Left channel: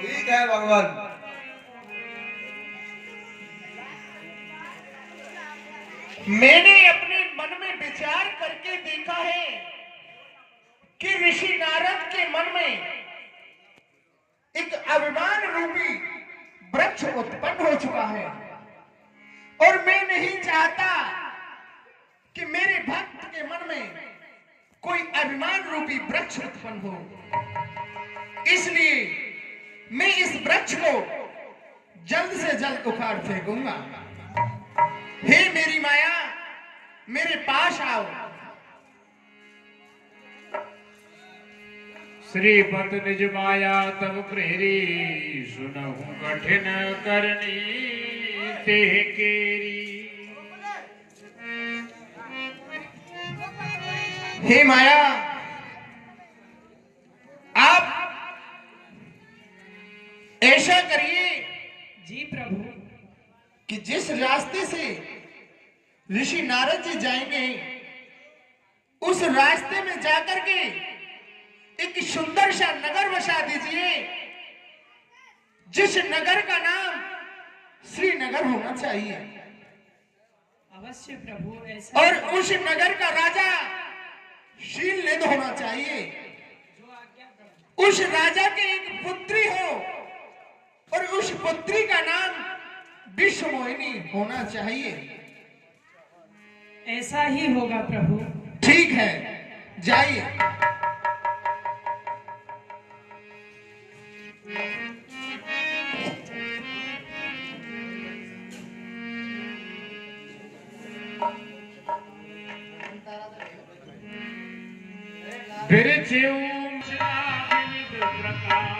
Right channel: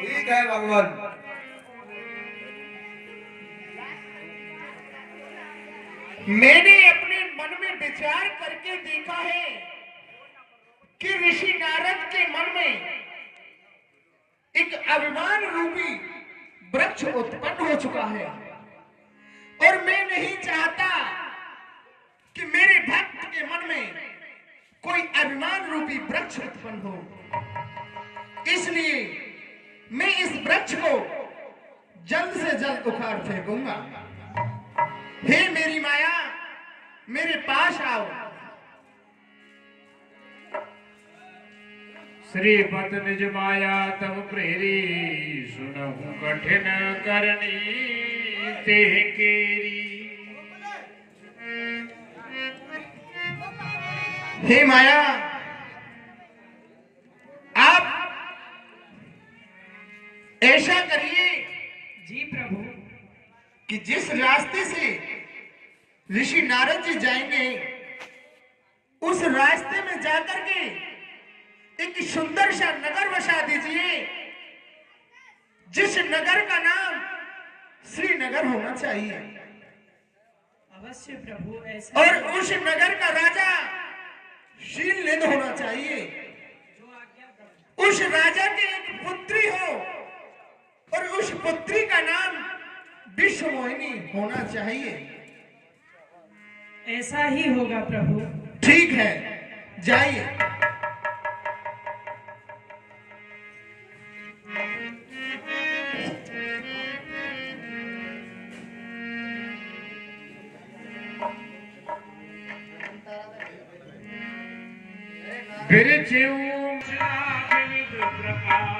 ठीक है भगवान। मैंने अपने मन में विचार करके देखा है कि ऋषि नारद के मन में एक अभिमान रूपी वृक्ष उत्पन्न हो चुका है और मैं नहीं चाहता कि मेरे भक्त के मन में कोई अभिमान रूपी वृक्ष उत्पन्न हो। इसलिए मैं इस वृक्ष को जल्द से जल्द उखाड़ फेंकूंगा। हे मेरी माया, मेरे पास आओ। श्रीपद निज माया तब प्रेरी, सुनहु कठिन करनी ते केरी। हे माया, आप ऐसा करिए जी प्रभु कि जिस रास्ते से ऋषि नारद जी जाएंगे उस रास्ते में जाकर के एक सुंदर सा नगर बसा दीजिए, जिस नगर का नाम श्रीनगर होना चाहिए। अवश्य प्रभु, ऐसा और उस नगर का राजा शीलनिध होना चाहिए। उस राजा के एक पुत्री हो और उस पुत्री का नाम विश्वमोहिनी होना चाहिए। ऐसा ही होगा प्रभु। ठीक है, जाइए। बिरचिऊ विविध प्रकार,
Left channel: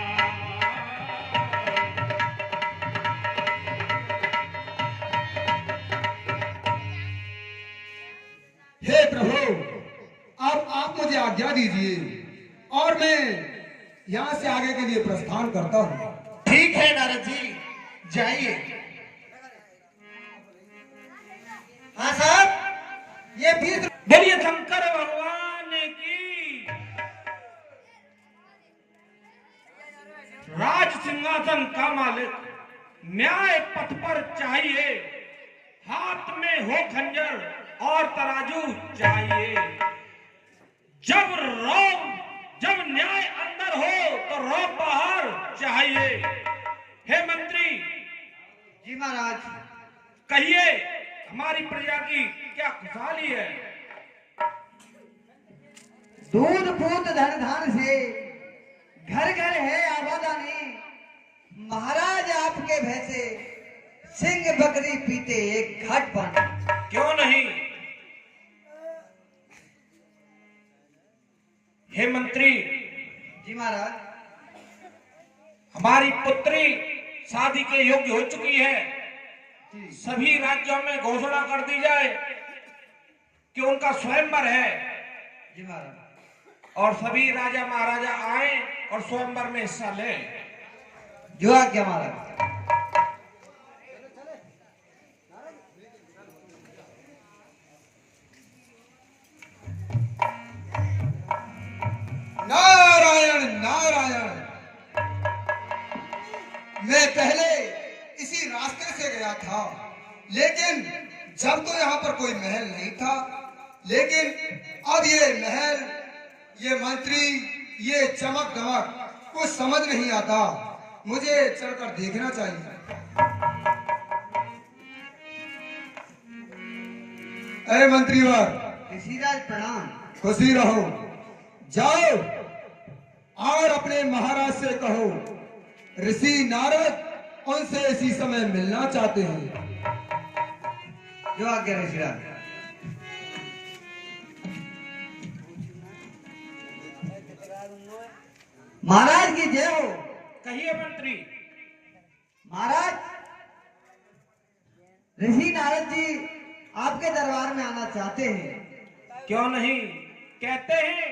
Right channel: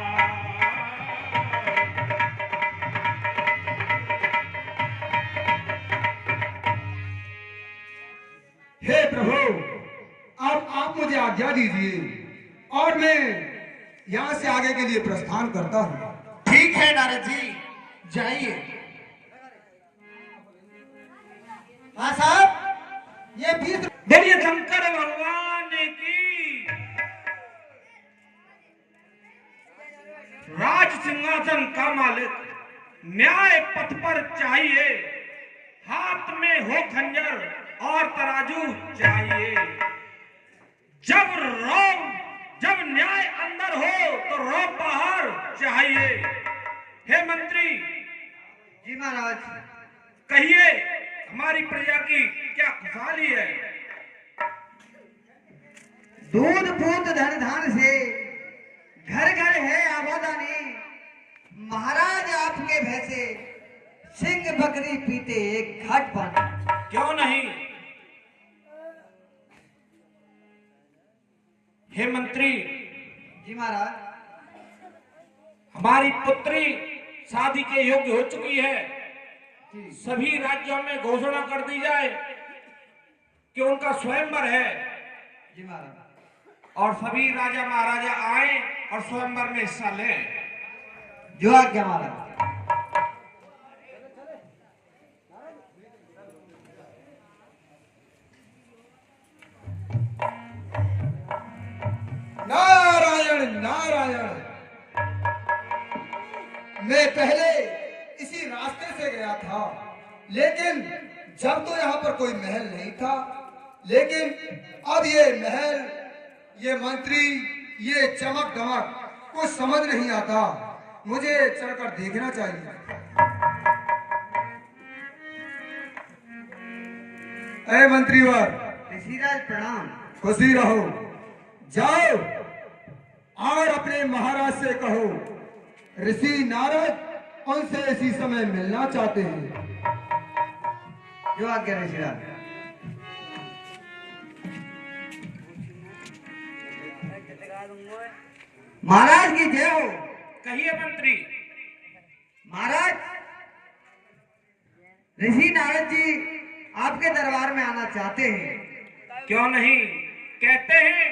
हे प्रभु, आप मुझे आज्ञा दीजिए और मैं यहाँ से आगे के लिए प्रस्थान करता हूँ। ठीक है नारद जी, जाइए। हाँ साहब, ये भी बोलिए शंकर भगवान की। राज सिंहासन का मालिक न्याय पथ पर चाहिए, हाथ में हो खंजर और तराजू चाहिए। जब न्याय अंदर हो तो रौब बाहर चाहिए। हे मंत्री जी महाराज, कहिए हमारी प्रजा की क्या खुशहाली है? दूध पूत धन धान से घर घर है आबादानी। महाराज आपके भैसे सिंह बकरी पीते एक घाट पानी। क्यों नहीं? हे मंत्री जी महाराज, हमारी पुत्री शादी के योग्य हो चुकी है। सभी राज्यों में घोषणा कर दी जाए कि उनका स्वयंवर है जी महाराज, और सभी राजा महाराजा आए और स्वयंवर में हिस्सा लें। जो आज्ञा महाराज। नारायण नारायण, मैं पहले इसी रास्ते से गया था, लेकिन जब तो यहाँ पर कोई महल नहीं था, लेकिन अब ये महल, ये मंत्री, ये चमक दमक कुछ समझ नहीं आता। मुझे चलकर देखना चाहिए। अरे मंत्रीवर, ऋषिराज प्रणाम। खुशी रहो। जाओ और अपने महाराज से कहो ऋषि नारद उनसे इसी समय मिलना चाहते हैं। जो आज्ञा ऋषिराज। महाराज की जय हो। कहिए मंत्री। महाराज, ऋषि नारद जी आपके दरबार में आना चाहते हैं। क्यों नहीं? कहते हैं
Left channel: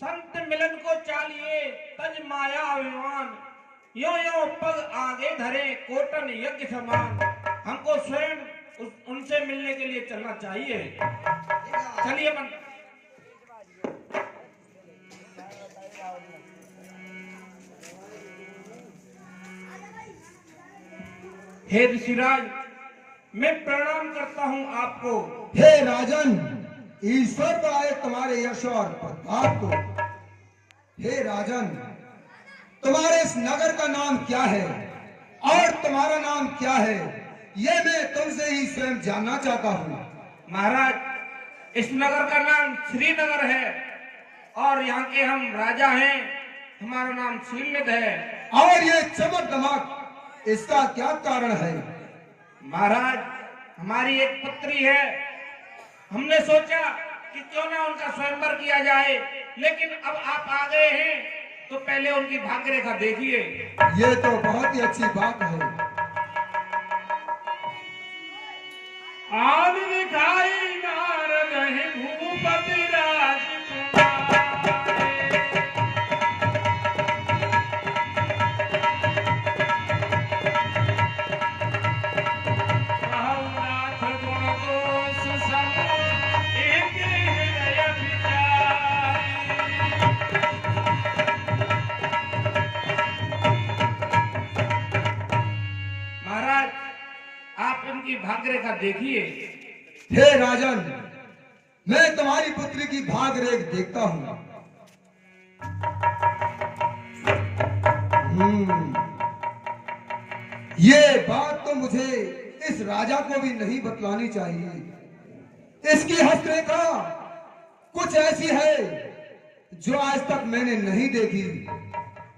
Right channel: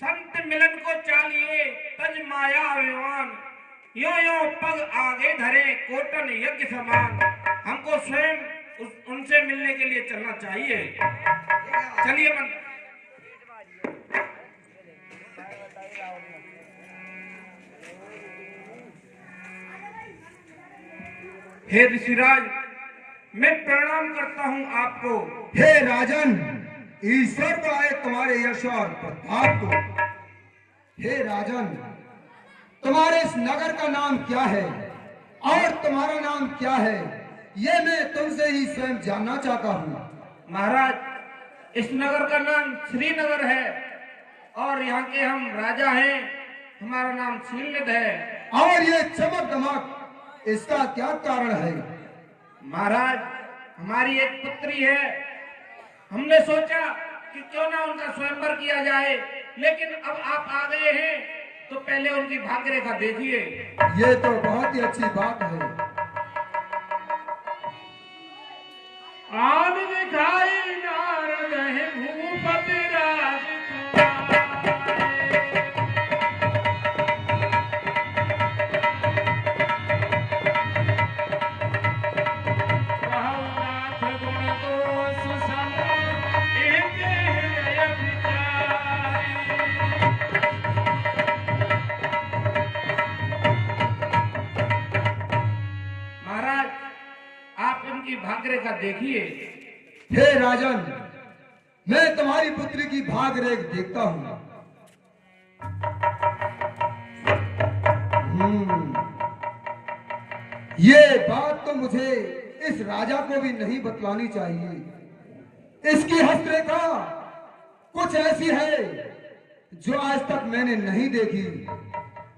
संत मिलन को चालिए तज माया अभिमान, यो यो पग आगे धरे कोटन यज्ञ समान। हमको स्वयं उनसे मिलने के लिए चलना चाहिए। चलिए मंत्री। हे ऋषिराज, मैं प्रणाम करता हूँ आपको। हे राजन, ईश्वर पाए तुम्हारे यश और प्रताप को। हे राजन, तुम्हारे इस नगर का नाम क्या है और तुम्हारा नाम क्या है, ये मैं तुमसे ही स्वयं जानना चाहता हूँ। महाराज, इस नगर का नाम श्रीनगर है और यहाँ के हम राजा हैं। हमारा नाम श्रीनिध है। और ये चमक दमक, इसका क्या कारण है? महाराज, हमारी एक पुत्री है। हमने सोचा कि क्यों ना उनका स्वयंवर किया जाए, लेकिन अब आप आ गए हैं तो पहले उनकी भाग्य रेखा देखिए। ये तो बहुत ही अच्छी बात है। आन दिखाई नारद है भूपति राजकुमार। बहुनाथ गुण दोष सम एक हृदय विचारी। महाराज, आप उनकी भाग्य रेखा देखिए। हे राजन, मैं तुम्हारी पुत्री की भाग रेख देखता हूँ। ये बात तो मुझे इस राजा को भी नहीं बतलानी चाहिए। इसकी हस्तरेखा कुछ ऐसी है जो आज तक मैंने नहीं देखी।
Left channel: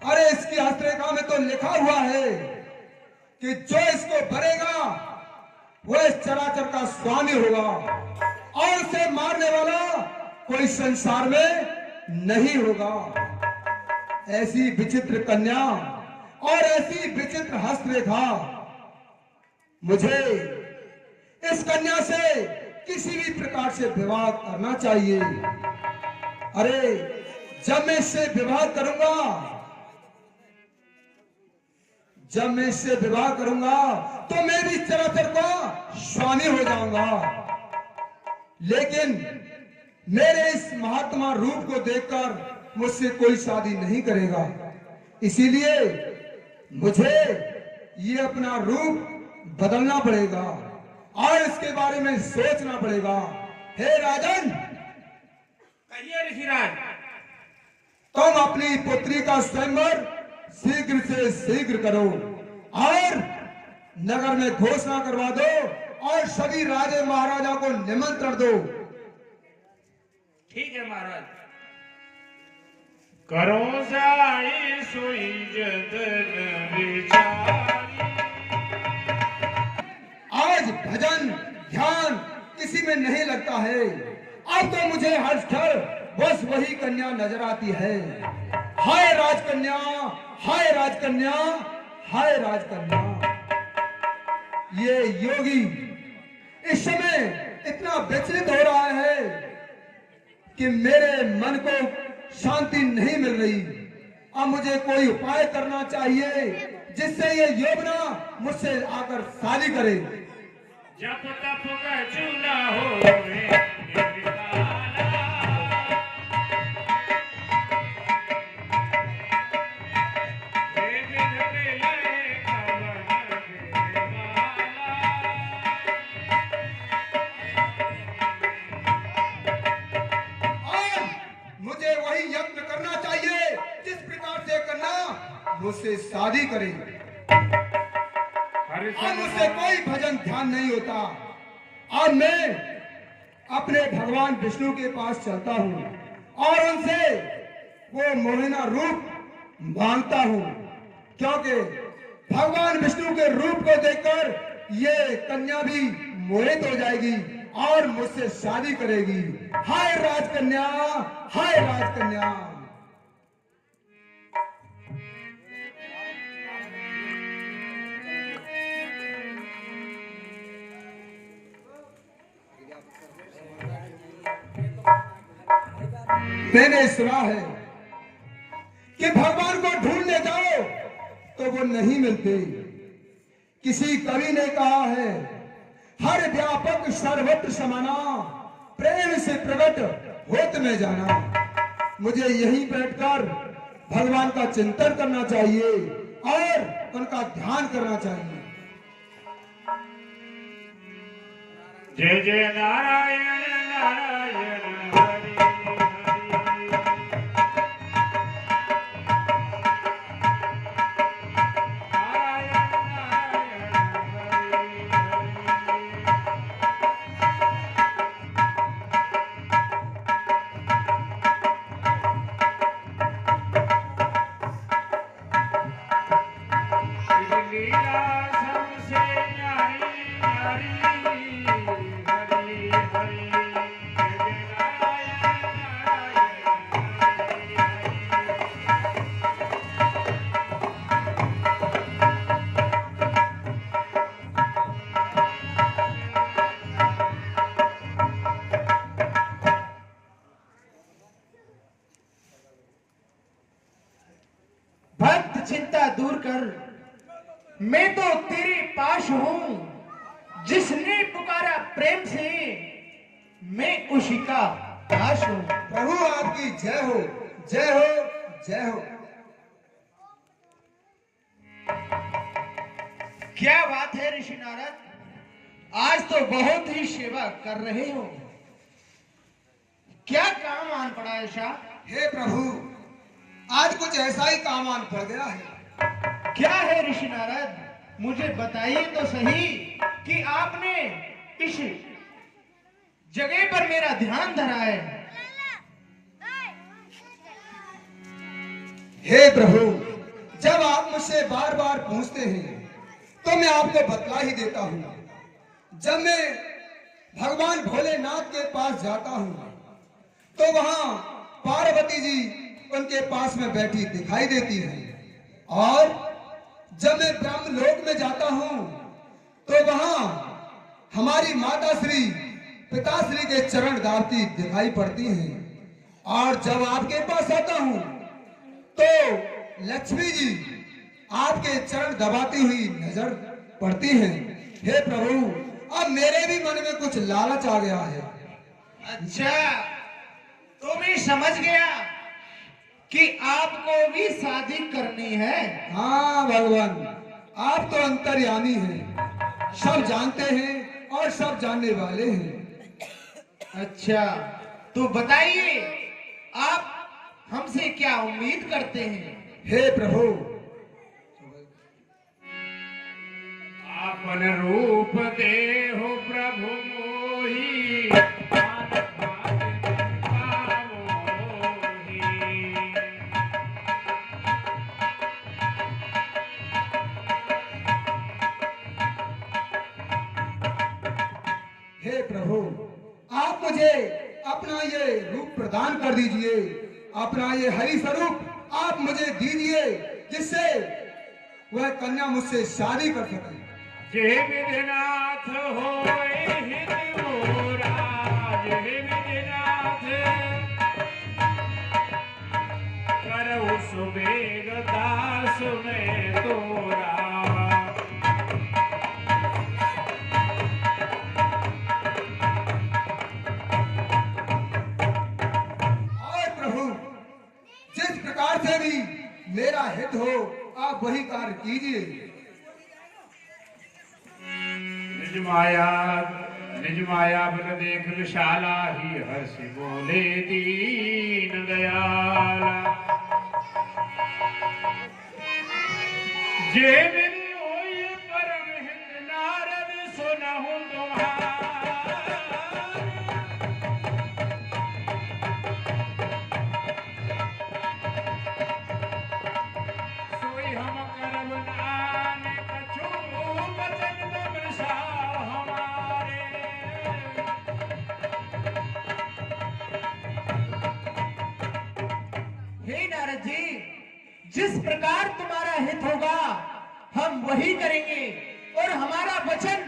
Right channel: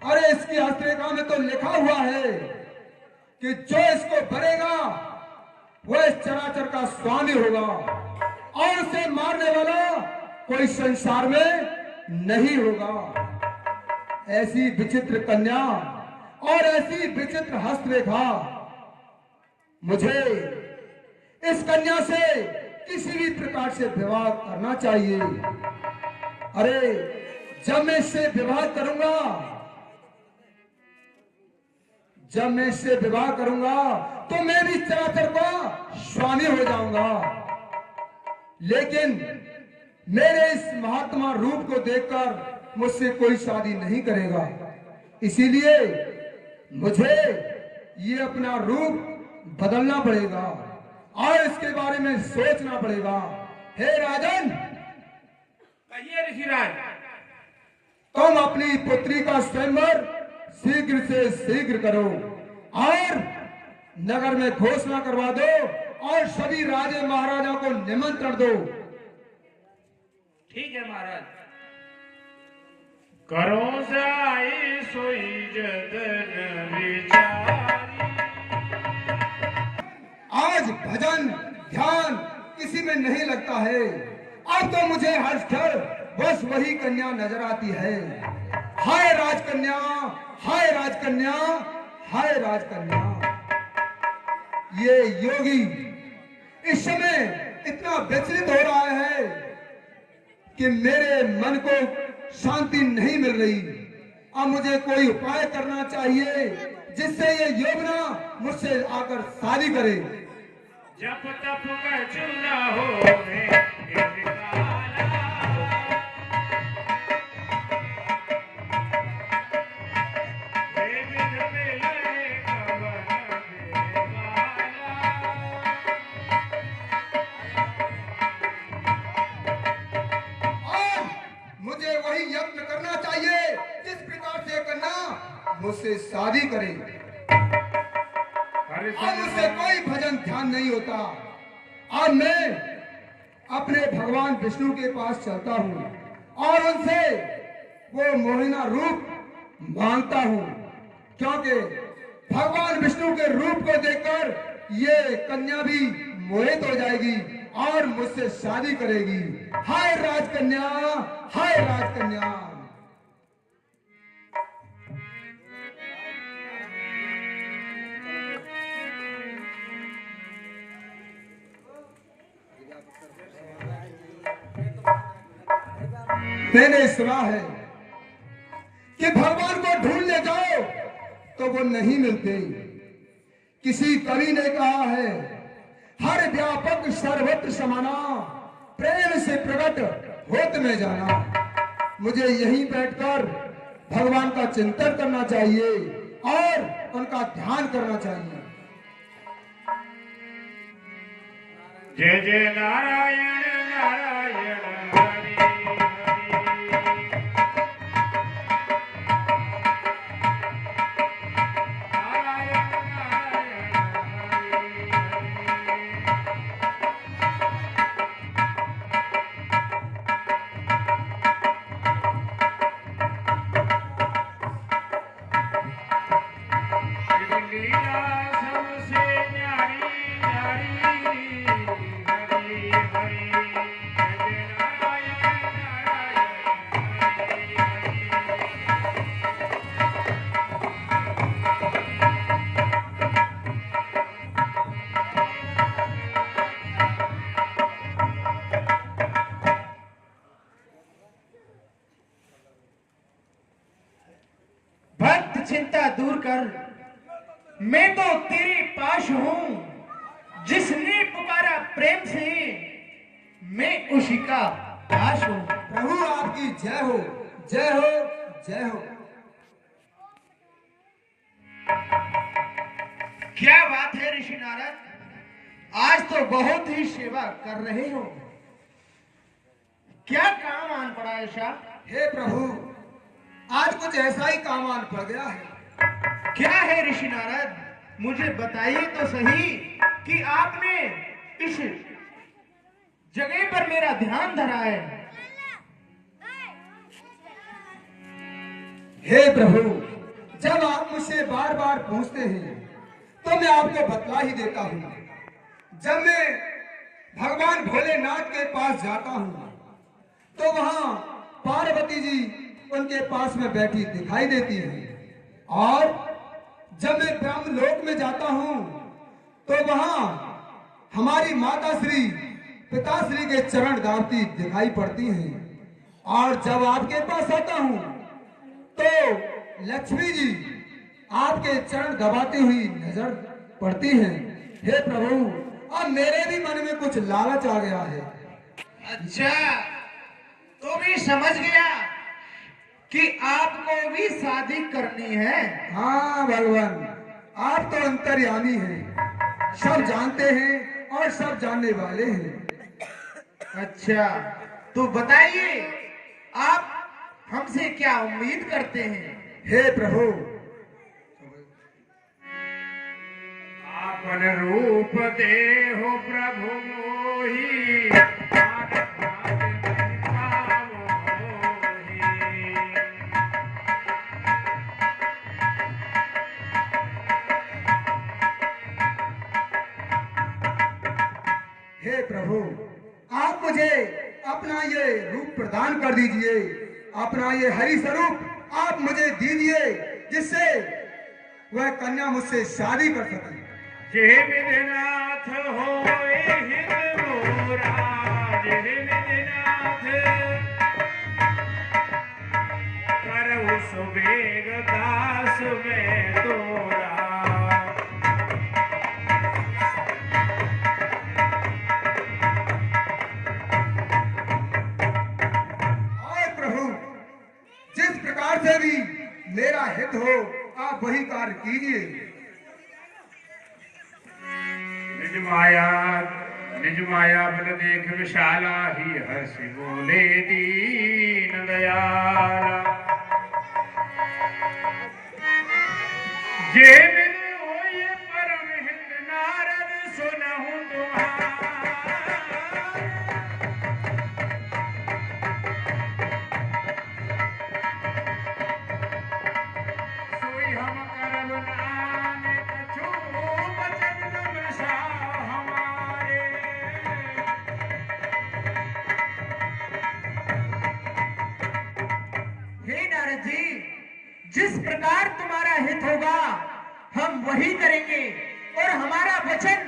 अरे इसकी हस्तरेखा में तो लिखा हुआ है कि जो इसको भरेगा वो इस चराचर का स्वामी होगा और उसे मारने वाला कोई संसार में नहीं होगा। ऐसी विचित्र कन्या और ऐसी विचित्र हस्तरेखा, मुझे इस कन्या से किसी भी प्रकार से विवाह करना चाहिए। अरे जब मैं इससे विवाह करूंगा, तो मैं भी चराचर का स्वामी हो जाऊंगा। लेकिन मेरे इस महात्मा रूप को देखकर मुझसे कोई शादी नहीं करेगा। इसीलिए मुझे ये अपना रूप बदलना पड़ेगा और इसके बारे में सोचना पड़ेगा। हे राजन, कहिए ऋषिराज। तुम अपनी पुत्री का स्वयंवर शीघ्र से शीघ्र करो और नगर में घोषणा करवा दो और सभी राजे महाराजा को निमंत्रण दो। ठीक है महाराज। करो जाई सोई जदन विचारी। आज भजन ध्यान किसी में नहीं लगता है। अब तो मुझे हर स्थल बस वही कन्या नजर आती है। हाय राजकन्या, हाय राजकन्या, हाय राजकन्या। ये योगी इस समय इतना विचलित हो रहा है कि मेरे मन को शांति नहीं मिल रही। अब मुझे कोई उपाय करना चाहिए जिससे ये योगना मुझसे आकर शादी करे। जप तप का चूल्हा हो मुझे वही यत्न करना चाहिए जिस प्रकार से करना मुझसे शादी करे। अब मुझसे कोई भजन ध्यान नहीं होता। अब मैं अपने भगवान विष्णु के पास चलता हूँ और उनसे वो मोहिना रूप मांगता हूँ, क्योंकि भगवान विष्णु के रूप को देखकर ये कन्या भी मोहित हो जाएगी और मुझसे शादी करेगी। हाय राजकन्या, हाय राजकन्या। मैंने सुना है कि भगवान को ढूंढने जाओ तो वो नहीं मिलते। किसी कवि ने कहा है, हर व्यापक सर्वत्र समाना, प्रेम से प्रकट होत में जाना। मुझे यहीं बैठकर भगवान का चिंतन करना चाहिए और उनका ध्यान करना चाहिए। जय जय नारायण नारायण हरि हरि। नारायण नारायण हरि हरि। लीला सबसे न्यारी न्यारी हरि हरि। जय नारायण नारायण भक्त चिंता दूर कर, मैं तो तेरे पास हूं। जिसने पुकारा प्रेम से, मैं उसी का दास हूं। प्रभु आपकी जय हो, जय हो, जय हो। क्या बात है ऋषि नारद, आज तो बहुत ही सेवा कर रहे हो। क्या काम आन पड़ा ऐसा? हे प्रभु, आज कुछ ऐसा ही काम आन पड़ गया है। क्या है ऋषि नारद, मुझे बताइए तो सही कि आपने इस जगह पर मेरा ध्यान धरा है। हे प्रभु, जब आप मुझसे बार बार पूछते हैं तो मैं आपको बतला ही देता हूँ। जब मैं भगवान भोलेनाथ के पास जाता हूँ तो वहाँ पार्वती जी उनके पास में बैठी दिखाई देती है, और जब मैं ब्रह्म लोक में जाता हूँ तो वहाँ हमारी माता श्री पिताश्री के चरण दावती दिखाई पड़ती हैं, और जब आपके पास आता हूँ तो लक्ष्मी जी आपके चरण दबाती हुई नजर पड़ती हैं। हे प्रभु, अब मेरे भी मन में कुछ लालच आ गया है। अच्छा, तो मैं समझ गया कि आपको भी शादी करनी है। हाँ भगवान, आप तो अंतर्यामी हैं, सब जानते हैं और सब जानने वाले हैं। अच्छा, तो बताइए आप हमसे क्या उम्मीद करते हैं? हे प्रभु, आपन रूप देहो प्रभु मोहि। हे प्रभु, आप मुझे अपना ये रूप प्रदान कर दीजिए, अपना ये हरि स्वरूप आप मुझे दीजिए, जिससे वह कन्या मुझसे शादी कर सके। जय विधिनाथ होए हित मोरा, जय विधिनाथ करहु सुबेग दास में तोरा। और प्रभु, जिस प्रकार से भी मेरा हित हो आप वही कार्य कीजिए। निज माया बल देख विशाला, ही हर्ष बोले दीन दयाला। जे बिन होय परम हित नारद सुनहु तुम्हारा। सोई हम करब नानक कछु बचन न बिसा हमारे। हे नारद जी, जिस प्रकार तुम्हारा हित होगा हम वही करेंगे, और हमारा वचन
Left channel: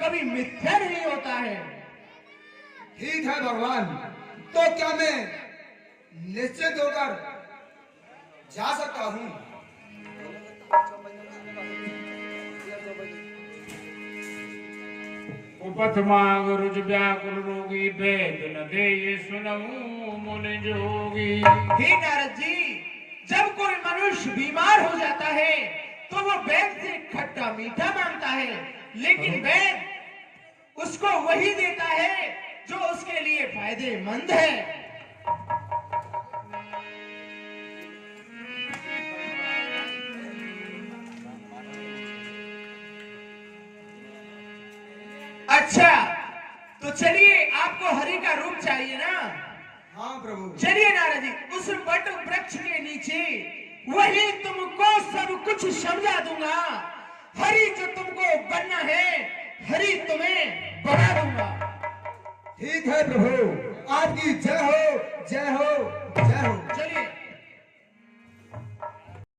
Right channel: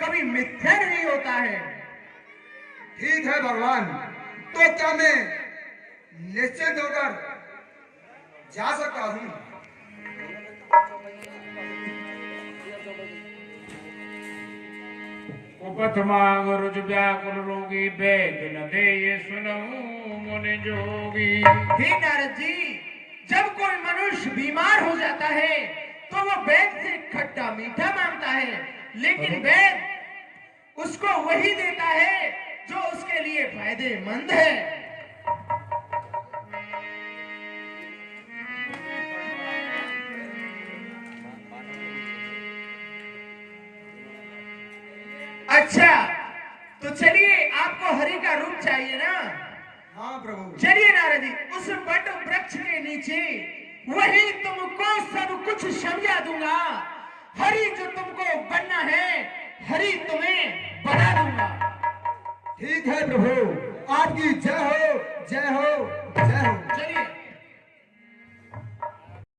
कभी मिथ्या नहीं होता है। ठीक है भगवान, तो क्या मैं निश्चित होकर जा सकता हूँ? उपथ मांग रुज व्याकुल रोगी, वेद न दे ये सुनहु मुनि जोगी। हे नारद जी, जब कोई मनुष्य बीमार हो जाता है तो वो वैद्य से खट्टा मीठा मांगता है, लेकिन वैद्य उसको वही देता है जो उसके लिए फायदेमंद है। अच्छा, तो चलिए, आपको हरि का रूप चाहिए ना? हाँ प्रभु। चलिए नारद जी, उस वट वृक्ष के नीचे वही तुमको सब कुछ समझा दूंगा। हरि जो तुमको बनना है, हरि तुम्हें बना दूंगा। ठीक है प्रभु, आपकी जय हो, जय हो।